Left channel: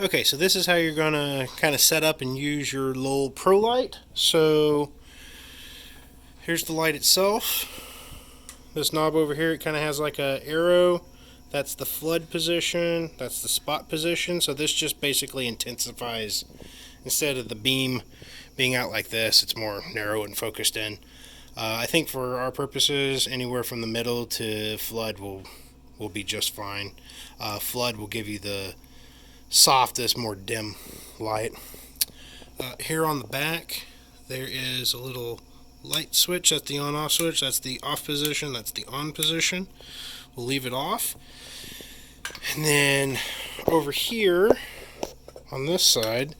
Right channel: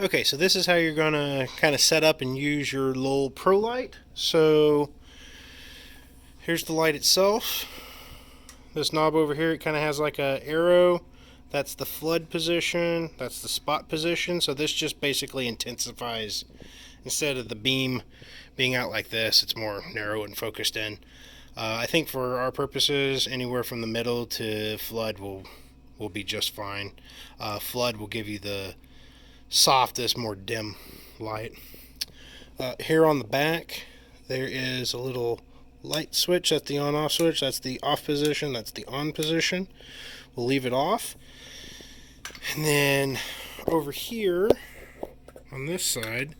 Okay, so this is how you're going to kind of set up and use your Lowel Pro light. So here's the light itself. This knob over here, it kind of has like a arrow. That's the flood position. That's the spot position. So this just basically intensifies, instead of the beam being out like this, it's more narrow and focused in. I think for our purposes, anywhere from the middle to flood will be just fine. Flood will give you the softest, more dim light. Here on the back, there is a little light switch. That's the on-off switch. That's the off position. That's the on position. We'll leave it off. And then over here on this side,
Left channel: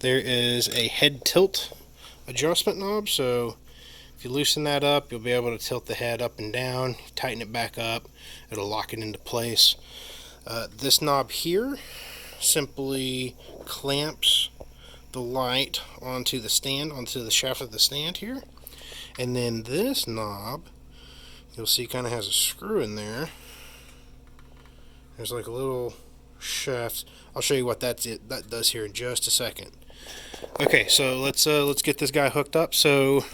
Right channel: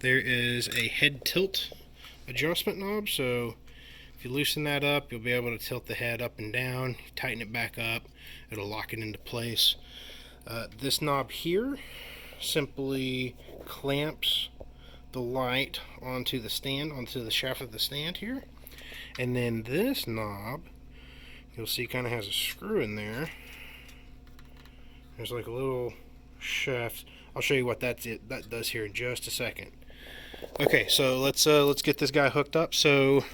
there is a head tilt adjustment knob. So if you loosen that up, you'll be able to tilt the head up and down. Tighten it back up, it'll lock it into place. This knob here simply clamps the light onto the stand, onto the shaft of the stand here. And then this knob, you'll see, kind of has a screw in there. There's like a little shaft. I'll show you what that does here in just a second. Okay, so let's get this guy hooked up. So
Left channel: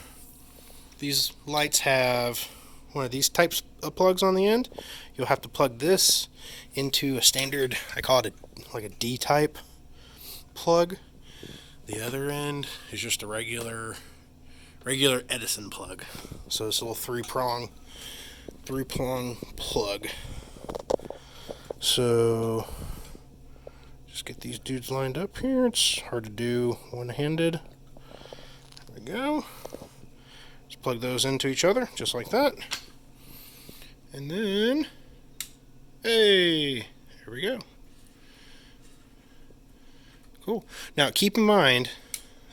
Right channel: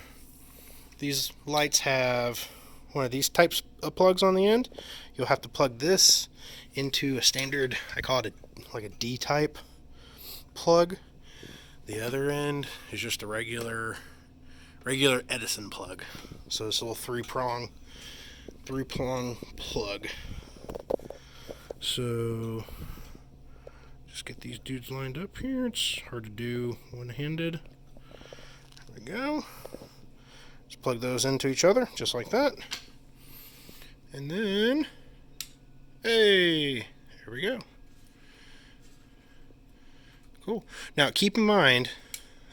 these lights have one of these types of plugs on the end. You'll have to plug this into a standard, I call it like a D-type plug. The other end is just a regular Edison plug. So it's a little three-prong plug. So just get these dudes lined up here. It's hard to do one-handed. There we go. Just plug those into each other, just like that. And then, hey, here we go. Cool. Now keep in mind,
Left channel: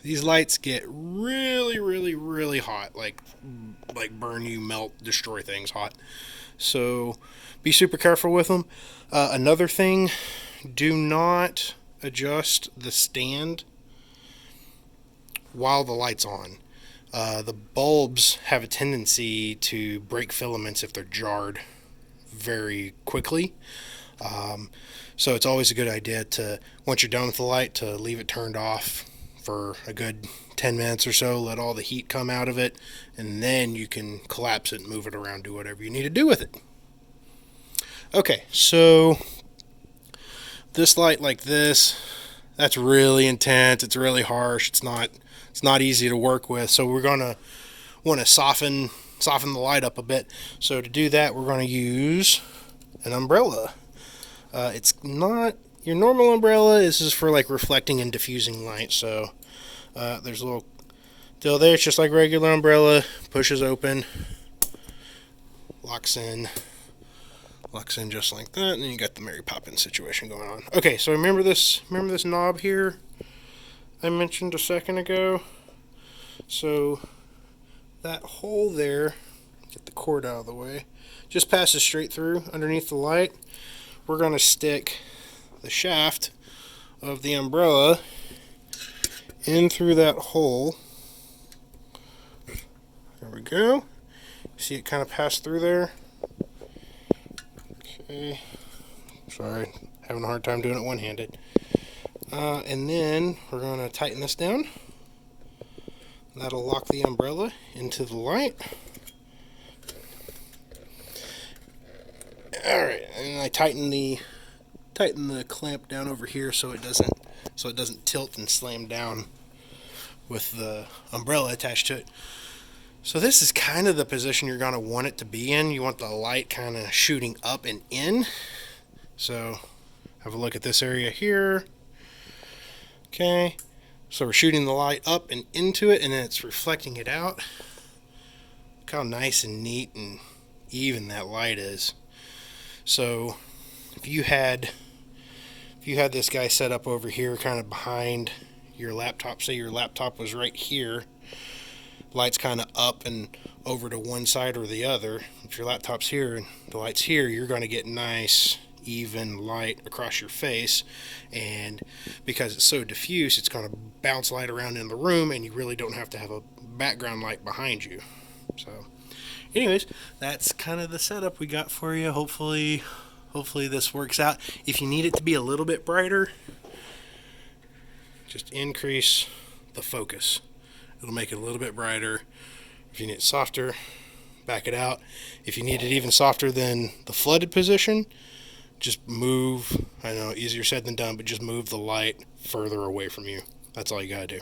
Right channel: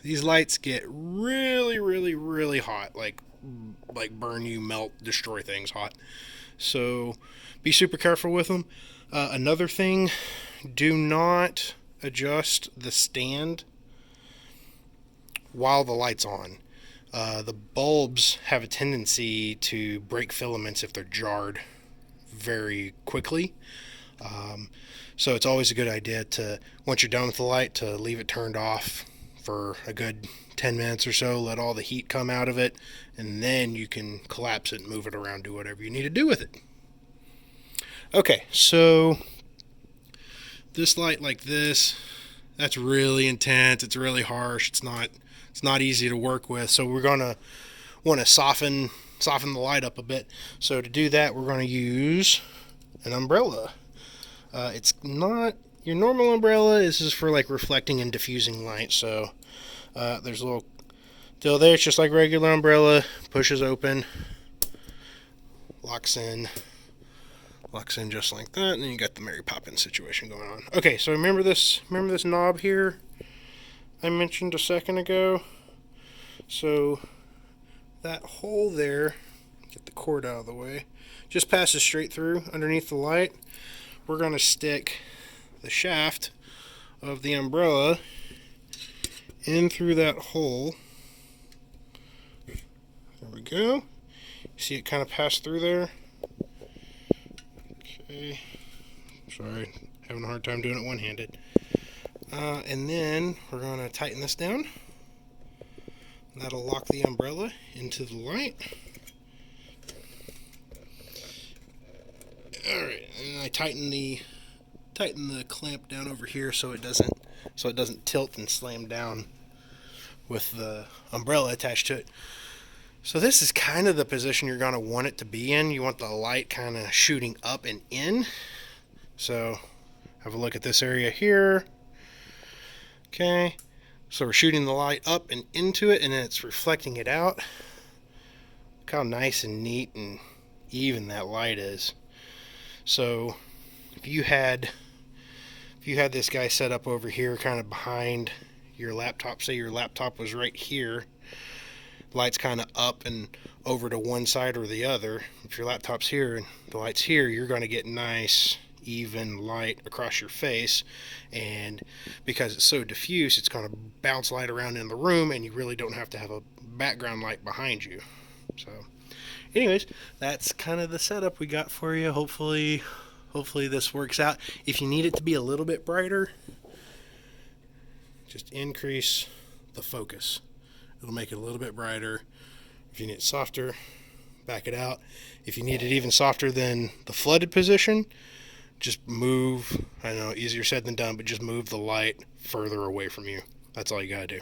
these lights get really, really, really hot, like burn you, melt, destroy things hot. So be super careful with them. Another thing, do not adjust the stand while the light's on. The bulbs have a tendency to break filaments if they're jarred very quickly. So it's always a good idea to, once you're done with the light, to leave it turned off for a good 10 minutes or so, let all the heat come out of it, and then you can collapse it and move it around, do whatever you need to do with it. Okay, so this light like this, that's really intense, it's really harsh, it's not easy to work with, so we're gonna want to soften the light up a bit. So to do that, we're going to use an umbrella. It's not your normal umbrella. This is for like reflecting and diffusing light. So there's a little deal there. It's just like regular umbrella. Pushes open, locks in just like that, and then you got the Mary Poppins situation going on. Okay, so remember this knob here I mentioned a second ago. So that hole there, get the cord out of the way, just passes straight through underneath the light. We're going to stick the shaft of the umbrella in through that hole. There we go. See it kind of pass through there? Okay. Sorry, having a hard time doing it one-handed. And then we're going to tighten this down. That'll lock the umbrella into the light. Alright, and I tighten the clamp down over here so it doesn't tilt and slam down with the umbrella attached to it. So this is kind of the position you're going to want it to be in. You want the light kind of shooting up and in. So have a look at this area here. Okay, so we're shooting the light up and into it, and then it's reflecting it out. Look how nice and neat and even that light is. So if you had this guy set up over here kind of behind your laptop, say your laptop was right here, light's kind of up and over to one side or the other. If your laptop's here and the light's here, you're going to get nice even light across your face, and because it's so diffuse, it's going to bounce light around in the room, and you really don't have to have a background light behind you. So anyways, that's kind of the setup we got for you. Hopefully this works out. If you need it to be a little bit brighter, just increase the focus. It'll make it a little bit brighter. If you need it softer, back it out. If you need it even softer than the flooded position, just move. I know, easier said than done, but just move the light further away from you. That's all you gotta do.